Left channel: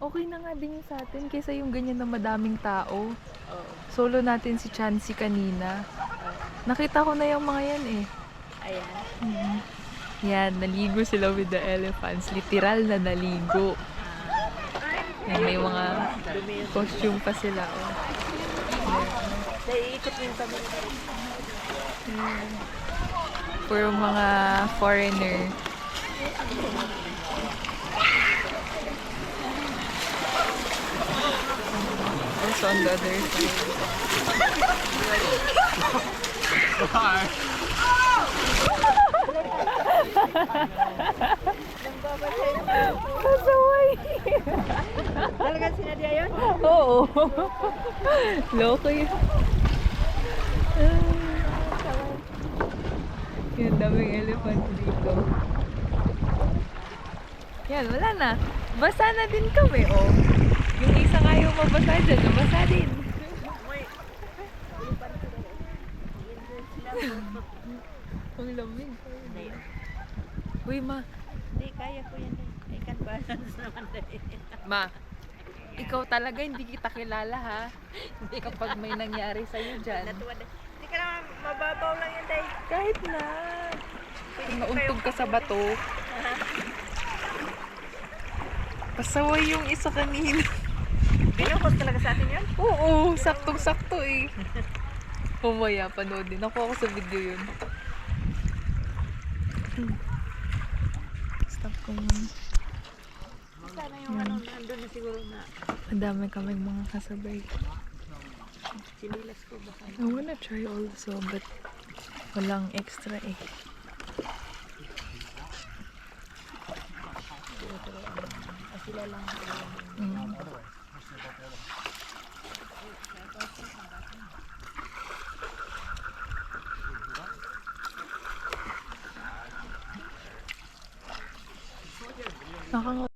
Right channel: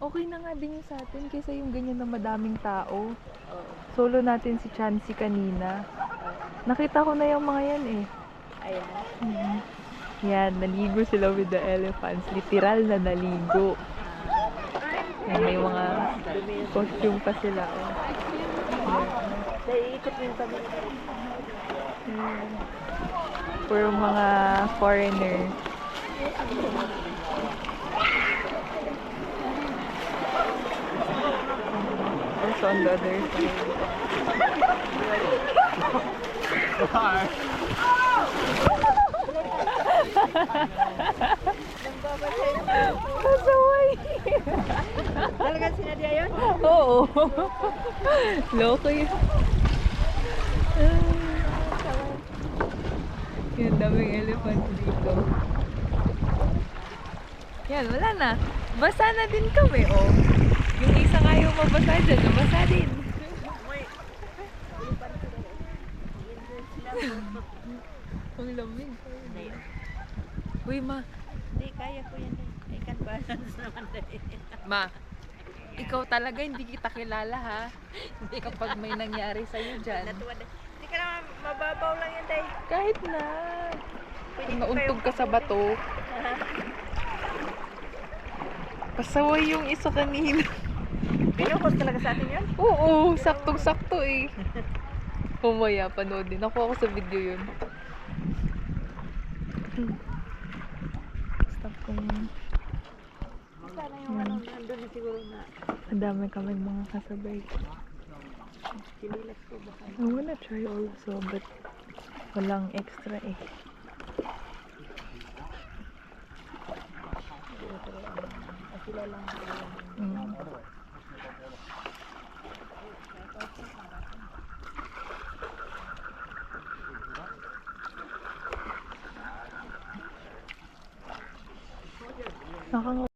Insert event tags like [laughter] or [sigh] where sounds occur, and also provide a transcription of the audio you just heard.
Okay na nga din yung sa atin kaysa yung ganyan na madaming tao. Oo. Solo natin si Chansey kanina. Nakita ko na yung mga yan eh. Ayan. Mhm. Yan, naligo sila with the elephants. Literal na naligo. Yan, may mga costume pa sila. Oh. Naiikot yung kamay. Yan. Puro mga foreigner. Also on the other side. Pasaway! Talaga sinadya yun? Oo. Loko yun. Yan, daming elephant dito. Yan, wala na. Basa na din kami, oh. Yung isa nga yung mabasa dyan, nabasa din. Ang lamig. Uy, ma. Hindi, kaya ko yan. eh. I can balance naman din. Ma, ikaw talaga hindi kita kilala ha. Kapag may nangyari sa'yo dyan. Natuwa din. Hindi ka naman, mababaw lang yan, day. Kahit na. Kung nauntog ka sa bato, pasaway yung isa kanina. Binukos talaga sa atin yun? Oo, saktong-sakto eh. [laughs] Humaya, panoodin. Ako ako sa video yun. Hmm. Stop ko muna. Sana yung ano, nandun na siguro na Ang dami kaming mga kasabay. sinilas ko baka. I wanna try also, but walang extra eh. Sila lang. Mm. 然后